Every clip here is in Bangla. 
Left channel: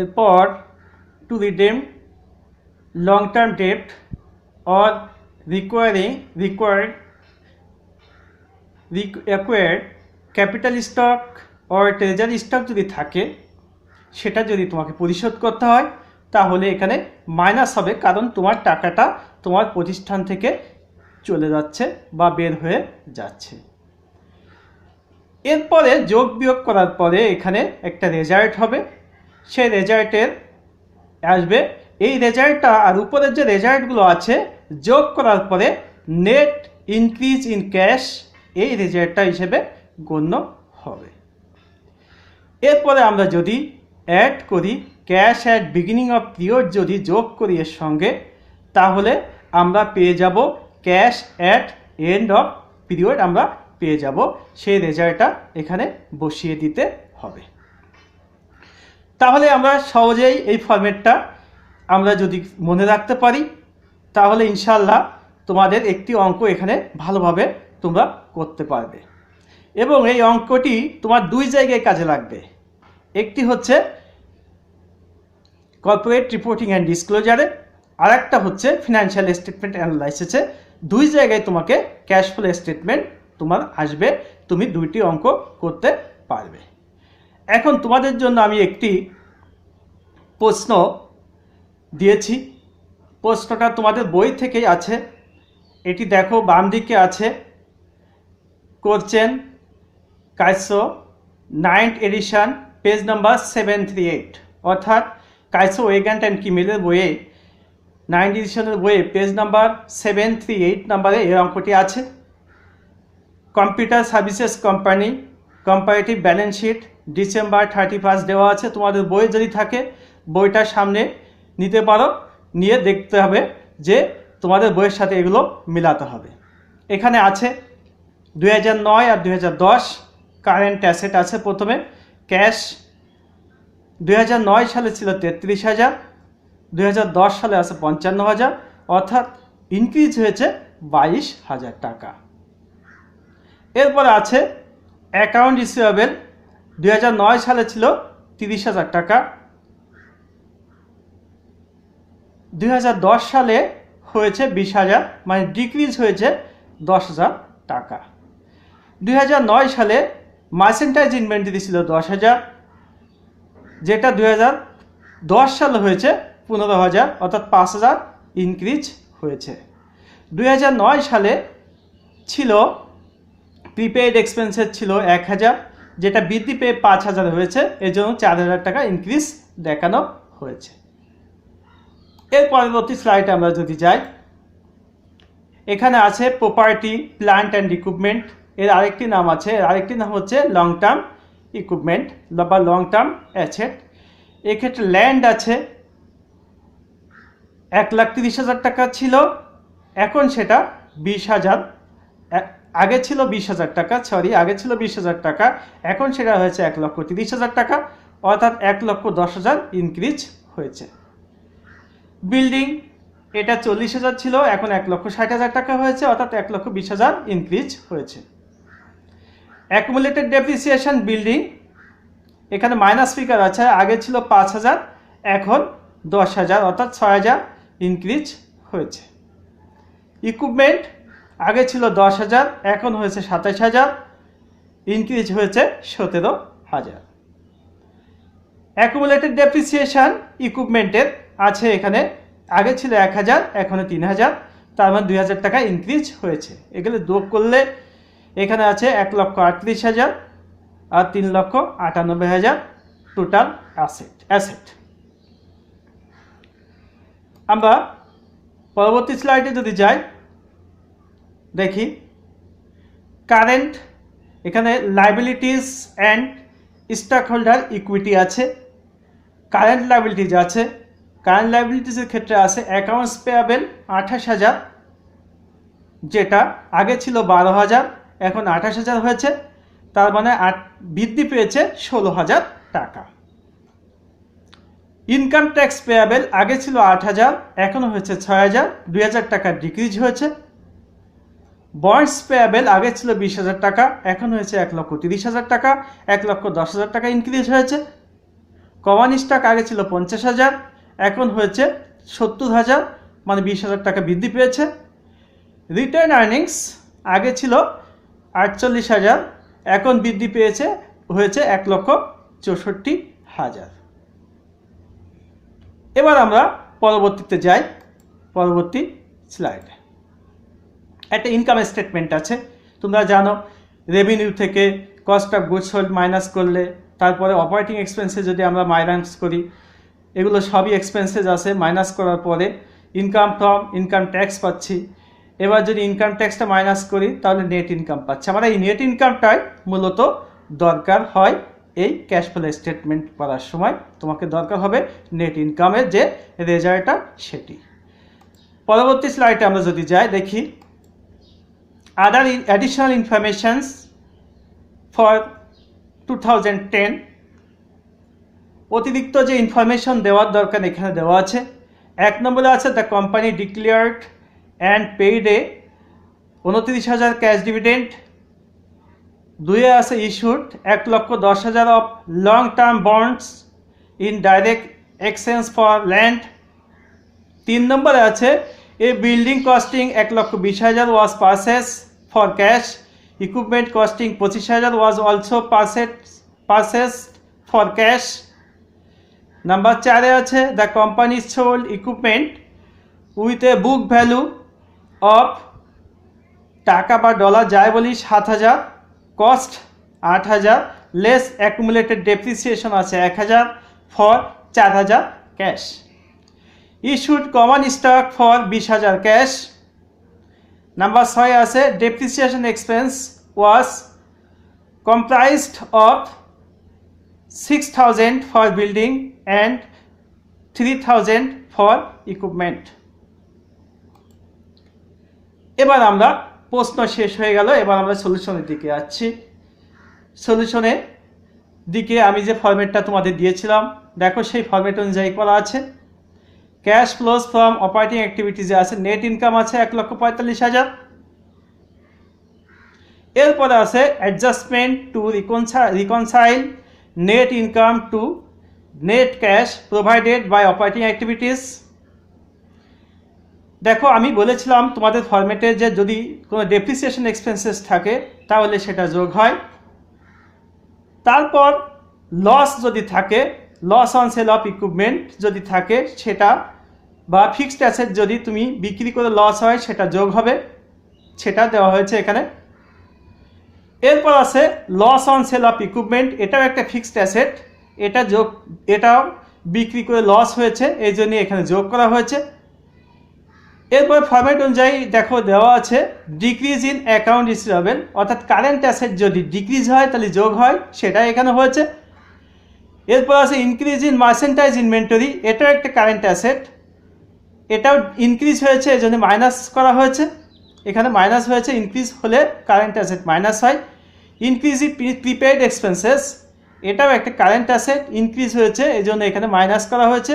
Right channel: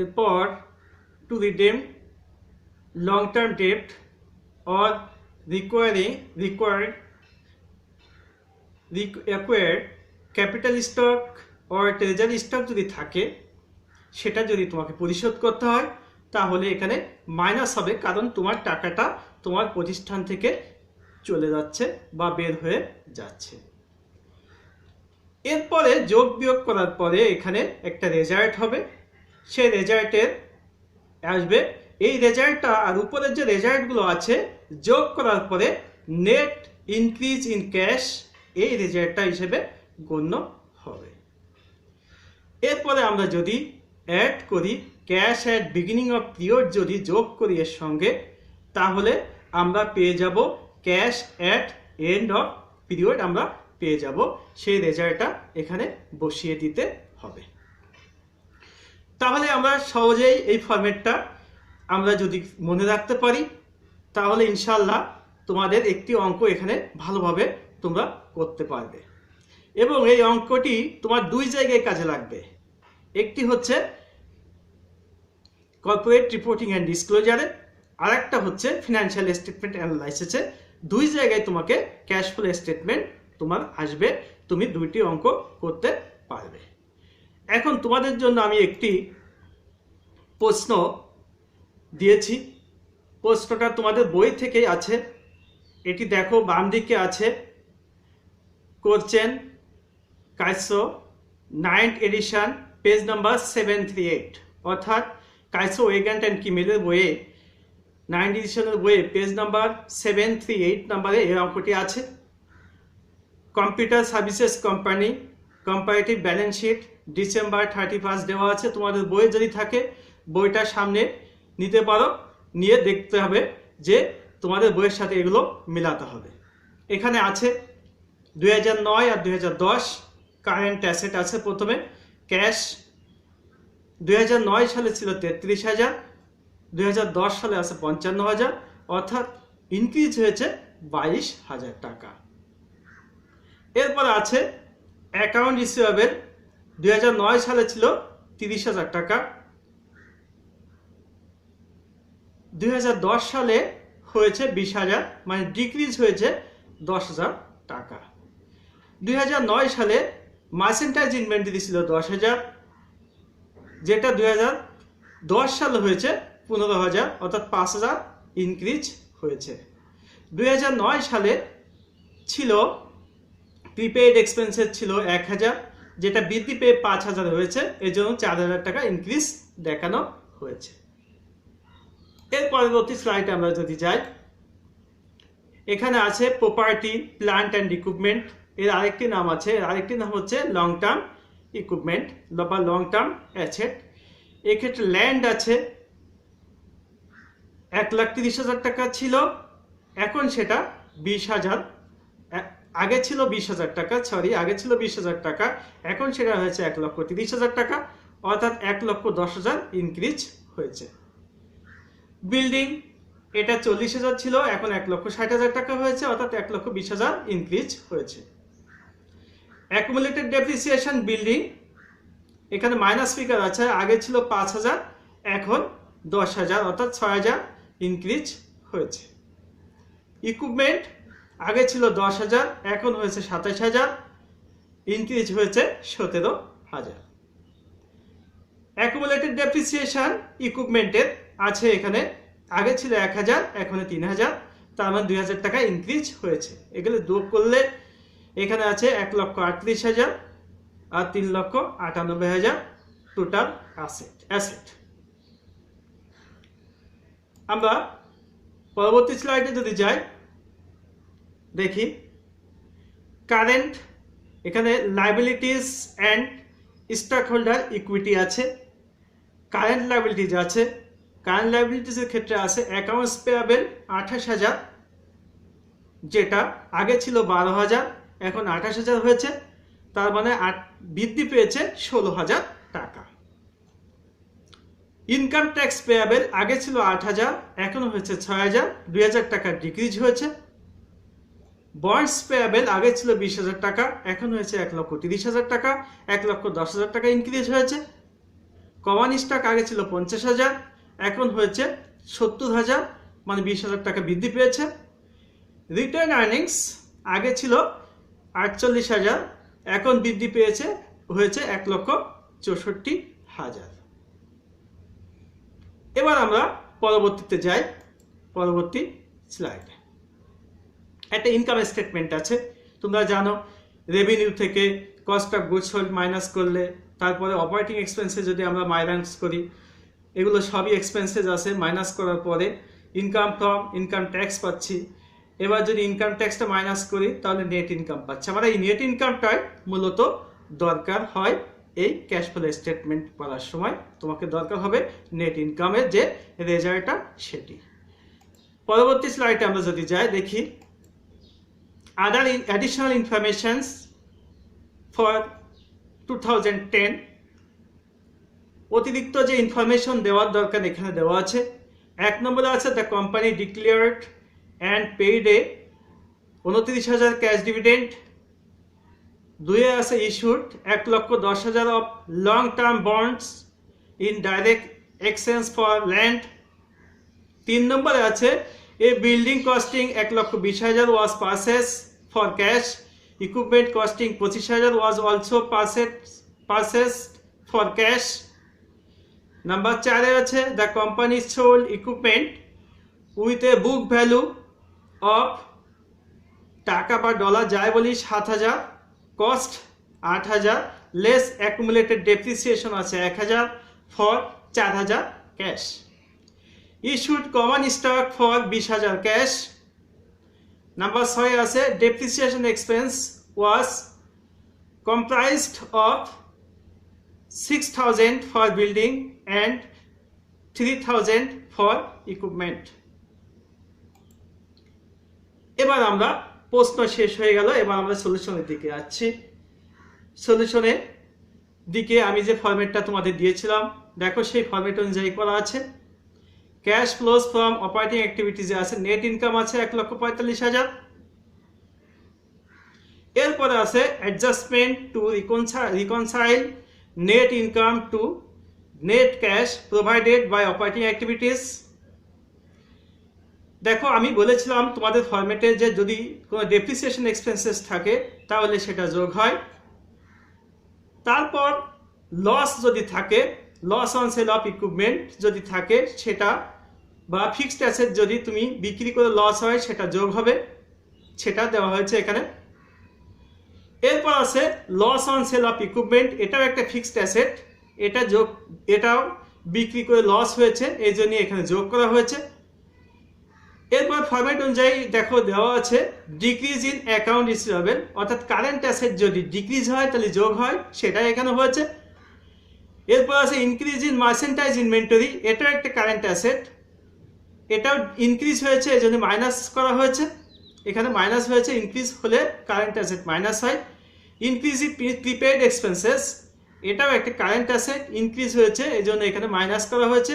এরপর to redeem long term debt or required capital stock or treasury stock যদি থাকে, সেটা যদি তোমাকে পরিশোধ করতে হয় তাহলে এখানে মাইনাস হবে, কারণ তোমার টাকাটা তোমার প্রতিষ্ঠান থেকে চলে যাচ্ছে বা বের হয়ে যাচ্ছে। এরপরে যোগ বিয়োগ করার পরে এখানে একটা রেজাল্ট হবে, সেই রেজাল্টের আসবে এই রেজাল্টটা আর উপরের যে রেজাল্টগুলো আছে যোগ করার পরে নেট ইনক্রিজ ইন ক্যাশ এই রেজাল্টটা হিসেবে গণ্য হবে। এরপরে আমরা যদি অ্যাড করি cash at beginning of period, যদি যোগ করি এর সঙ্গে, তাহলে আমরা পেয়ে যাব cash at end of period আমরা পেয়ে যাব। সেই রেজাল্টটা এখানে বসিয়ে দিতে হবে। তাহলে আমরা সহজেই এই ফরম্যাটটা আমরা যদি মনে রাখতে পারি তাহলে ইনশাল্লাহ তোমাদের একটি অঙ্ক এখানে ভালোভাবে তোমরা করতে পারবে, এবং এই অঙ্কটি তোমার দুই জায়গায় কাজে লাগবে। একটি হচ্ছে কর্পোরেট রিপোর্টিং অ্যান্ড ডিসক্লোজারে, আর একটা হচ্ছে ফিনান্সিয়াল স্টেটমেন্ট অ্যানালাইসিসে। দুই জায়গায় তোমাকে ক্যাশ ফ্লো স্টেটমেন্ট তোমার আসবে, তুমি দুইটি অঙ্ক করতে পারবে। এখন তোমাদের জন্য আমি একটি প্রশ্ন দিয়েছি, প্রশ্নটা তোমাদের বই থেকেই আছে। এটি দেখো বাম দিকে আছে, করছেন কাইসো 9th এডিশন পেজ নাম্বার 738, অর্থাৎ কাইসো ওয়েগান্ট অ্যান্ড কিমেলের বইয়ে 9th এডিশনের বইয়ে পেজ নাম্বার 738 নাম্বারে এই অঙ্কটি আছে। Computer services company comparative balance sheet December 31 দেওয়া আছে। তোমাদের বই যদি থাকে বইটা সামনে নিতে পারো, নিয়ে দেখতে হবে যে তোমাদের বইয়ের সাথে এগুলো মিলাতে হবে। এখানে আছে 2009 আর 2010 কারেন্ট অ্যাসেট আছে। প্রথমে ক্যাশ 2009 সালে ছিল 33,000, 2010 সালে আছে 55,000, অর্থাৎ ইনক্রিজ হয়েছে 22,000 টাকা। এরপর আছে অ্যাকাউন্ট রিসিভেবল, 2009 সালে ছিল 30,000 টাকা, 2010 সালে হয়েছে 20,000, মানে ডিক্রিজ হয়েছে 10,000 টাকা। 2009 সালে মার্চেন্টাইজ ইনভেন্টরি ছিল 10,000, যেটা 2010 সালে হয়েছে 15,000, অর্থাৎ 5,000 ইনক্রিজ হয়েছে। 2009 সালে ছিল প্রিপেইড এক্সপেন্সেস ছিল 1,000, যেটা বৃদ্ধি পেয়ে 5,000 হয়েছে, এর জন্য 4,000 টাকা ইনক্রিজ দেখানো হয়েছে। এর পরবর্তী স্লাইডে আমরা যদি যাই, এখানে আছে প্রপার্টি প্ল্যান্ট অ্যান্ড ইকুইপমেন্ট, এর আরেকটি নাম আছে, এর আরেকটি নাম হচ্ছে লং টার্ম ইকুইপমেন্ট বা লং টার্ম অ্যাসেট। এক্ষেত্রে ল্যান্ড আছে 1,30,000 টাকা ছিল, এখন সেটা 20,000, আগে ছিল 20,000 টাকা, আগে ছিল 20,000 টাকা, এখন সেটা হয়েছে 1,30,000 টাকা, অর্থাৎ 1,10,000 ইনক্রিজ হয়েছে। বিল্ডিং এটা 40,000 ছিল, এখন 1,60,000 টাকা হয়েছে, অর্থাৎ 1,20,000 ইনক্রিজ হয়েছে। অ্যাকুমুলেটেড ডেপ্রিসিয়েশন বিল্ডিং, এখানে মাইনাস ফিগার আছে, আগে ছিল 5,000, এখন 10,000, অর্থাৎ 6,000 ইনক্রিজ হয়েছে। ইকুইপমেন্ট আগে ছিল 10,000, এখন হয়েছে 27,000, ইনক্রিজ হয়েছে 17,000। অ্যাকুমুলেটেড ডেপ্রিসিয়েশন ইকুইপমেন্টের আছে এখানে, আগে ছিল 1,000, এখন 3,000, তার মানে 2,000 টাকা ইনক্রিজ হয়েছে। এগুলো যোগ করলে এখানে আছে 1,38,000 আর 3,98,000 টোটাল অ্যাসেট। আমরা পরবর্তী স্লাইডে যদি যাই, দেখি কারেন্ট, এখানে liabilities and stock holder equity আছে। কারেন্ট লাইবিলিটিস আছে, কারেন্ট লাইবিলিটিসের ক্ষেত্রে আছে অ্যাকাউন্টস পেয়াবেল 28,000, যেটা আগে ছিল 12,000, এখন 28,000 হয়েছে, তার মানে বৃদ্ধি পেয়েছে 16,000 টাকা। ইনকাম ট্যাক্স পেয়াবেল আগে ছিল 8,000, এখন হয়েছে 6,000, 2,000 টাকা ডিক্রিজ হয়েছে। বন্ডস পেয়াবেল আগে ছিল 20,000 টাকা, এখন হয়েছে 1,30,000 টাকা, 1,10,000 টাকা ইনক্রিজ হয়েছে। কমন স্টক আগে ছিল 50,000, এখন হয়েছে 70,000, মানে 20,000 টাকা বৃদ্ধি পেয়েছে। রিটেন আর্নিংস আগে ছিল 48,000, এখন বৃদ্ধি পেয়েছে হয়েছে 1,64,000। এবার আমরা পরবর্তীতে যাই, পরবর্তী স্লাইডে একটা ইনকাম স্টেটমেন্ট আছে। তোমরা জানো রেভিনিউ থেকে cost of goods sold minus করলে, তারপরে অপারেটিং এক্সপেন্সে যদি আমরা মাইনাস করি, এগুলো সবই এক্সপেন্সেস আছে। মাইনাস করার পরে ইনকাম ফ্রম ইনকাম ট্যাক্স পাচ্ছি। এবার যদি ইনকাম ট্যাক্সটা মাইনাস করি তাহলে নেট ইনকাম পাচ্ছি। আমার এই নেট ইনকামটাই মূলত দরকার হয় এই ক্যাশ ফ্লো স্টেটমেন্ট করার সময়। তোমাকে দরকার হবে নেট ইনকামের যে রেজাল্টটা সেটি। পরবর্তী স্লাইডে আমরা যদি যাই, দেখি আদার অ্যাডিশনাল ইনফরমেশনস ফর 2010। অতিরিক্ত যে ইনফরমেশন দেওয়ার দরকার এখানে দেওয়া আছে। 1 নম্বরে আছে the company declared and paid a 29,000 cash dividend. 2 আছে issued 1,10,000 of long term bonds in direct exchange for land. 3 নম্বরে আছে a building costing 1,20,000 was purchase for cash. Equipment costing 25,000 was also purchase for cash. Number 4 আছে the company sold equipment with a book value of, টাকা বা ডলার যাই বলি, 7,000, কস্ট 8,000, লেস অ্যাকুমুলেটেড ডেপ্রিসিয়েশন আছে 1,000 for 4,000 cash. Issued common stock for 20,000 cash. Number 6 আছে depreciation expense was comprised of 6,000 for building and 3,000 for equipment. এবার আমরা প্রশ্ন শেষ হয়ে গেল, এবার আমরা সলিউশনের দিকে যাচ্ছি। সলিউশনের দিকে আমি যে ফরম্যাটটা তোমাদের দিয়েছিলাম, দেখো সেই ফরম্যাট অনুযায়ী করা আছে। ক্যাশ ফ্লোজ ফ্রম অপারেটিং অ্যাক্টিভিটিজে আছে নেট ইনকাম আছে 1,45,000। এরপরে আছে adjustment to reconcile net income to net cash provided by operating activities. দেখো আমি বলেছিলাম তোমাদের ফরম্যাটে যে যদি কোনো ডেপ্রিসিয়েশন এক্সপেন্সেস থাকে তাহলে সেটা যোগ হয়। তারপর লস যদি থাকে, loss on sale of equipment যদি থাকে সেটা, বা ফিক্সড অ্যাসেট যদি তুমি বিক্রি করে লস হয় সেটা যোগ হবে, সেটা দেওয়া হয়েছে এখানে। এরপর আছে loss on sale of equipment, এটাও একটা ফিক্সড অ্যাসেট, এটাও বিক্রি করে লস হয়েছে, এই জন্য এখানে যোগ করা হয়েছে। এরপর ফরম্যাট অনুযায়ী দেখো দেওয়া আছে ডিক্রিজ ইন অ্যাকাউন্ট রিসিভেবল, অর্থাৎ কারেন্ট অ্যাসেট যদি ডিক্রিজ হয় তাহলে যোগ হয়, সেটা এখানে হয়েছে। এরপর আছে ইনক্রিজ ইন মার্চেন্টাইজ ইনভেন্টরি, এটাও একটা কারেন্ট অ্যাসেট, এটাও ইনক্রিজ হয়েছে এই জন্য মাইনাস করা হয়েছে, এখানে মাইনাস হয়েছে, ইনক্রিজ হলে কারেন্ট অ্যাসেট মাইনাস হয়। ইনক্রিজ ইন প্রিপেড এক্সপেন্সেস, এটাও একটা কারেন্ট অ্যাসেট, ইনক্রিজ হয়েছে এই জন্য এখানে মাইনাস করা হয়েছে।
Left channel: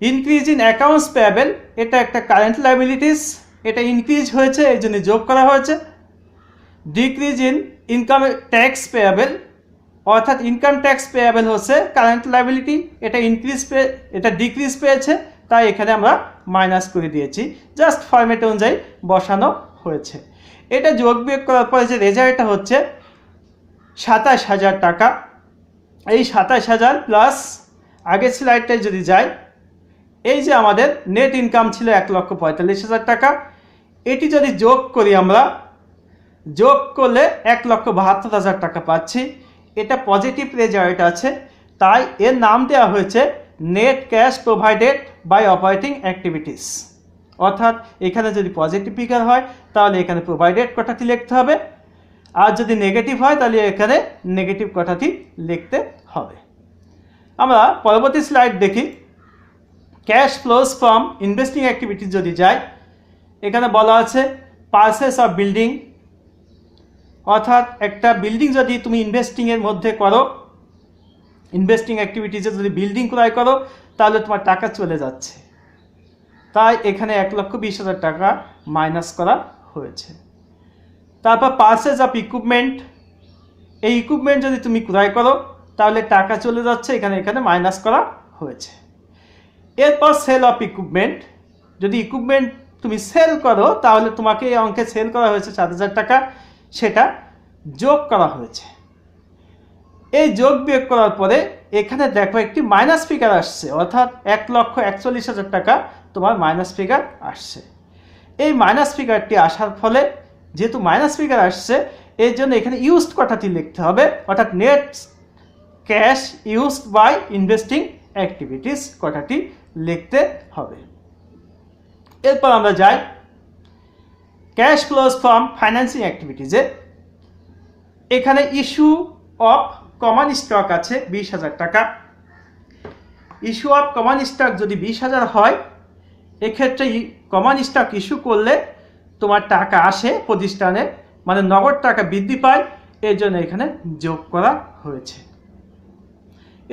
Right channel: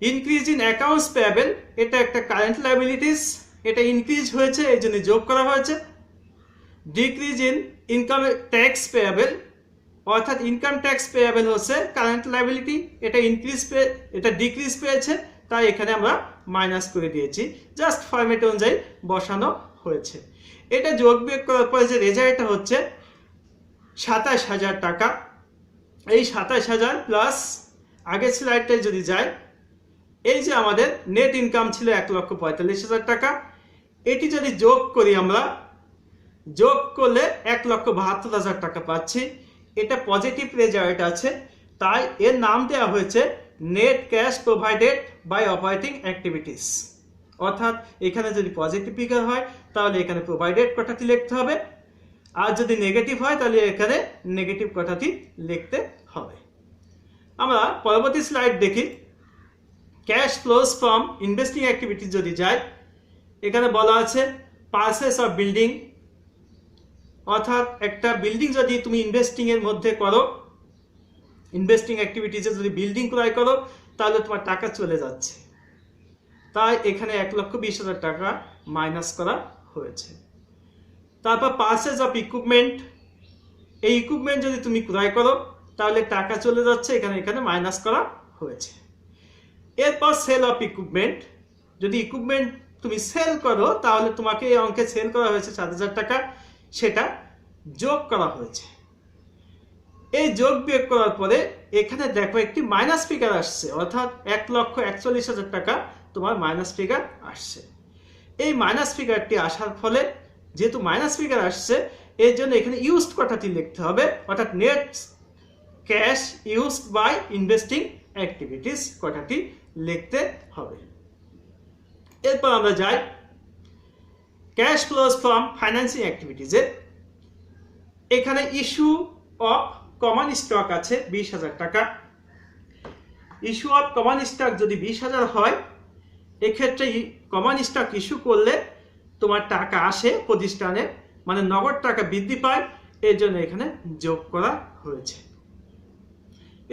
ইনক্রিজ ইন অ্যাকাউন্টস পেয়েবল, এটা একটা কারেন্ট লায়াবিলিটিস, এটা ইনক্রিজ হয়েছে এই জন্য যোগ করা হয়েছে। Decrease in income tax payable, অর্থাৎ ইনকাম ট্যাক্স পেয়েবল হচ্ছে কারেন্ট লায়াবিলিটি, এটা ডিক্রিজ পেয়েছে তাই এখানে আমরা মাইনাস করে দিয়েছি, জাস্ট ফরম্যাট অনুযায়ী বসানো হয়েছে। এটা যোগ বিয়োগ করার পরে যে রেজাল্টটা হচ্ছে 27,000 টাকা। এই 27,000 প্লাস আগের স্লাইডটায় যদি যাই, এই যে আমাদের নেট ইনকাম ছিল 1,45,000 টাকা, এটি যদি যোগ করি আমরা, যোগ করলে 1,72,000 টাকা পাচ্ছি। এটা পজিটিভ রেজাল্ট আছে, তাই এর নাম দেওয়া হয়েছে net cash provided by operating activities. অর্থাৎ এখানে যদি পজিটিভ ফিগার হয় তাহলে এখানে প্রোভাইডেড কথাটি লিখতে হবে, আর যদি নেগেটিভ হয় তাহলে এখানে নেগেটিভ কথাটি লিখতে হবে। আমরা পরবর্তী স্লাইড দেখি। Cash flows from investing activities যদি যায়, এখানে বলা আছে পারচেস অফ বিল্ডিং, অর্থাৎ একটা বিল্ডিং যদি তুমি ইনভেস্টিংয়ের মধ্যে করো, ইনভেস্টিং অ্যাক্টিভিটিসে যদি বিল্ডিং ক্রয় করো তাহলে তোমার টাকা চলে যাচ্ছে, তাই এখানে 1,20,000 টাকা মাইনাস করা হয়েছে। তারপর পারচেজ অফ ইকুইপমেন্ট, এই ইকুইপমেন্ট যদি তুমি ক্রয় করো তাহলে টাকা চলে যাচ্ছে, এখানে এখানে মাইনাস করা হয়েছে। এরপর সেল অফ ইকুইপমেন্ট, যদি ইকুইপমেন্ট তুমি সেল করো তাহলে তোমাকে এই অঙ্কে সেল করা হয়েছে 7,000 টাকা, সেটা যোগ করা হয়েছে। এই যোগ বিয়োগ করার পরে এখানে দেখো একটি মাইনাস ফিগার আসছে, অর্থাৎ 1,41,000 টাকা তোমার মাইনাস ফিগার আসছে। এই মাইনাস ফিগারটি আসার ফলে যেহেতু মাইনাস ফিগার আসছে, এর জন্য এখানে ইউজড কথাটি লিখতে হবে, অর্থাৎ net cash used by investing activities কথাটি লিখতে হবে। এরপর আমরা যাই ক্যাশ ফ্লোজ ফ্রম ফাইন্যান্সিং অ্যাক্টিভিটিজে। এখানে ইস্যু অফ কমন স্টক আছে 20,000 টাকা। ইস্যু অফ কমন স্টক যদি 20,000 হয়, এক্ষেত্রে কমন স্টক ইস্যু করলে তোমার টাকা আসে প্রতিষ্ঠানে, মানে নগদ টাকা বৃদ্ধি পায়, এর জন্য এখানে যোগ করা হয়েছে।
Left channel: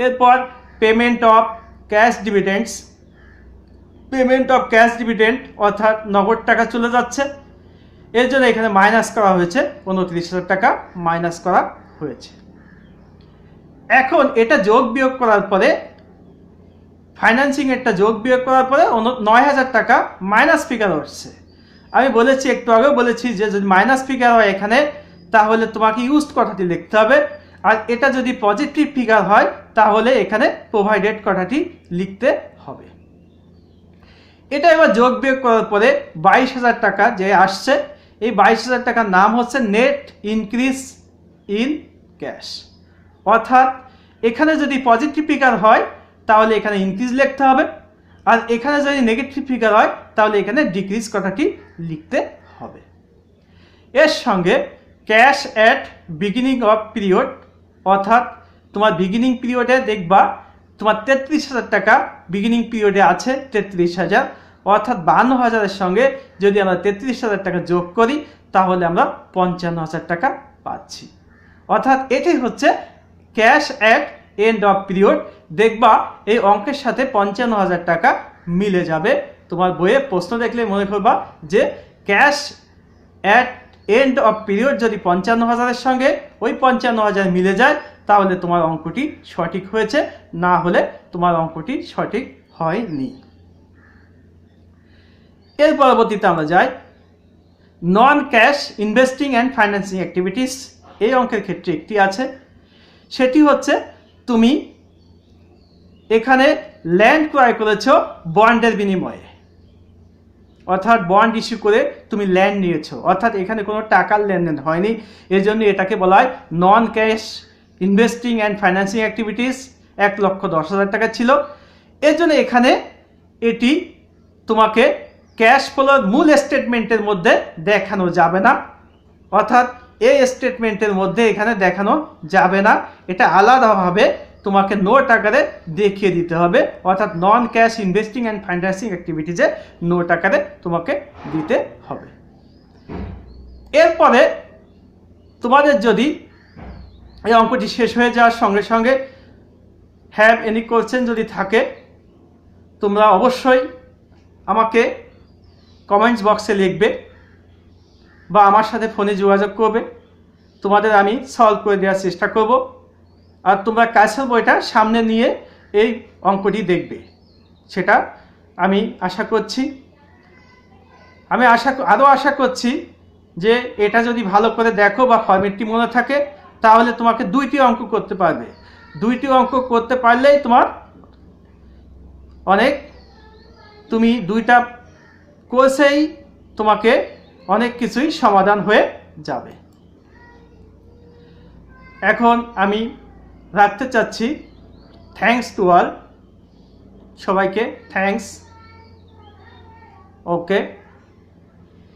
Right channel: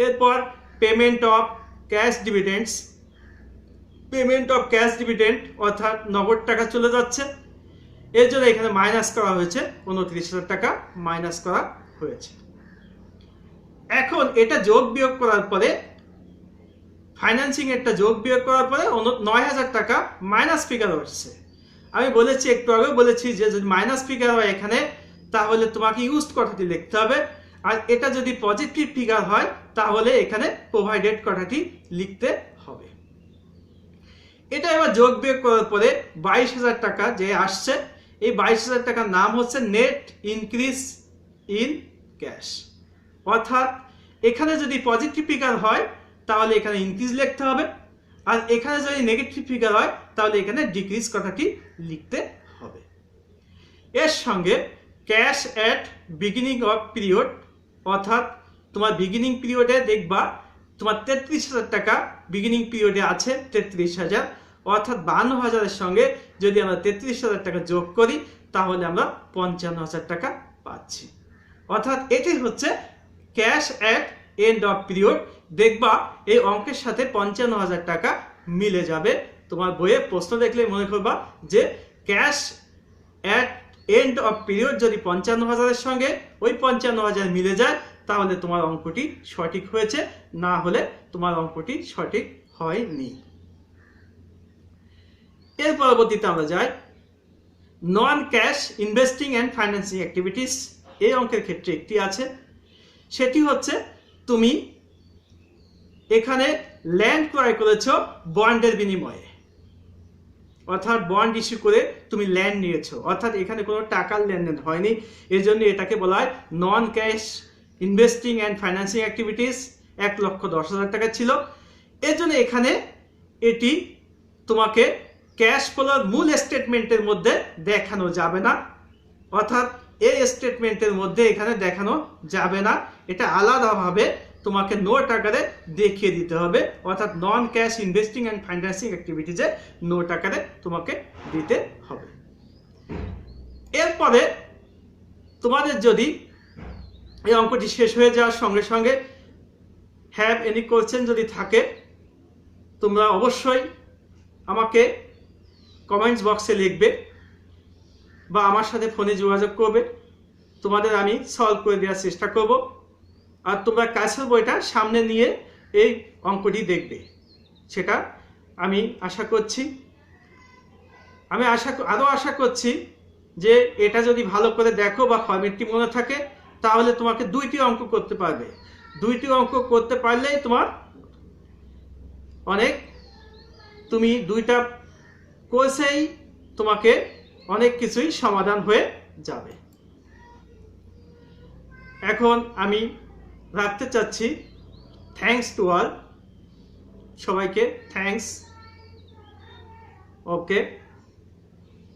এরপর payment of cash ডিভিডেন্ডস, payment of cash dividend অর্থাৎ নগদ টাকা চলে যাচ্ছে, এর জন্য এখানে মাইনাস করা হয়েছে 29,000 টাকা মাইনাস করা হয়েছে। এখন এটা যোগ বিয়োগ করার পরে ফাইন্যান্সিং একটা যোগ বিয়োগ করার পরে 9,000 টাকা মাইনাস ফিগার হচ্ছে। আমি বলেছি, একটু আগে বলেছি যে যদি মাইনাস ফিগার হয় এখানে, তাহলে তোমাকে ইউজড কথাটি লিখতে হবে, আর এটা যদি পজিটিভ ফিগার হয় তাহলে এখানে প্রোভাইডেড কথাটি লিখতে হবে। এটা এবার যোগ বিয়োগ করার পরে 22,000 টাকা যে আসছে, এই 22,000 টাকার নাম হচ্ছে নেট ইনক্রিজ ইন ক্যাশ, অর্থাৎ এখানে যদি পজিটিভ ফিগার হয় তাহলে এখানে ইনক্রিজ লিখতে হবে, আর এখানে যদি নেগেটিভ ফিগার হয় তাহলে এখানে ডিক্রিজ কথাটি লিখতে হবে। এর সঙ্গে cash at beginning of period, অর্থাৎ তোমার বিগিনিং পিরিয়ডে দেখবা তোমার 33,000 টাকা বিগিনিং পিরিয়ডে আছে 33,000, অর্থাৎ 52,000-এর সঙ্গে যদি আমরা 33,000 টাকা যোগ করি তাহলে আমরা 55,000 টাকা পাচ্ছি। অর্থাৎ এটি হচ্ছে cash at end of period. দেখবা এই অঙ্কের সাথে 55,000 টাকা মিলে যাবে। তোমার বইয়ে প্রশ্ন দেখলে মনে করবা যে cash at end of period যদি 55,000-এর সঙ্গে ওই 55,000 মিলে যায় তাহলে তোমার অঙ্কটি সঠিক হয়েছে, না হলে তোমার অঙ্কটি সঠিক হয়নি। এর পরবর্তীতে আমরা যাই non cash investing and financing activities. এই অঙ্কের ক্ষেত্রে একটি আছে, সেটি হচ্ছে তুমি এখানে ল্যান্ড ক্রয় করেছ বন্ডের বিনিময়ে, অর্থাৎ বন্ড ইস্যু করে তুমি ল্যান্ড নিয়েছো, অর্থাৎ এখানে কোনো টাকার লেনদেন হয়নি, এর জন্য এটাকে বলা হয় non cash investing and financing activities. 1,10,000 টাকা ছিল, এর জন্য এখানে এটি তোমাকে ক্যাশ ফ্লোর মূল স্টেটমেন্টের মধ্যে দেখানো যাবে না, অর্থাৎ এই স্টেটমেন্টের মধ্যে এখানে দেখানো যাবে না, এটা আলাদাভাবে তোমাকে নোট আকারে দেখিয়ে দিতে হবে, অর্থাৎ non cash investing and financing অ্যাক্টিভিটিজে নোট আকারে তোমাকে দিতে হবে। এরপরে তোমাদের যদি এই অঙ্কটি শেষ হয়ে যাওয়ার সঙ্গে সঙ্গে হ্যাভ এনি কোয়েশ্চেন যদি থাকে, তোমরা অবশ্যই আমাকে কমেন্টস বক্সে লিখবে বা আমার সাথে ফোনে যোগাযোগ করবে, তোমাদের আমি সলভ করে দেওয়ার চেষ্টা করব। আর তোমরা কাছের বইটা সামনে নিয়ে এই অঙ্কটি দেখবে, সেটা আমি আশা করছি। আমি আরও আশা করছি যে এটা যদি ভালো করে দেখো বা ফরম্যাটটি মনে থাকে তাহলে তোমাকে 2টি অঙ্ক করতে পারবে। 2টি অঙ্ক করতে পারলেই তোমার অনেক, তুমি 2টা কোর্সেই তোমাকে অনেক কিছুই সমাধান হয়ে যাবে। এখন আমি রাখতে চাচ্ছি। থ্যাঙ্কস টু অল, সবাইকে থ্যাঙ্কস। ওকে।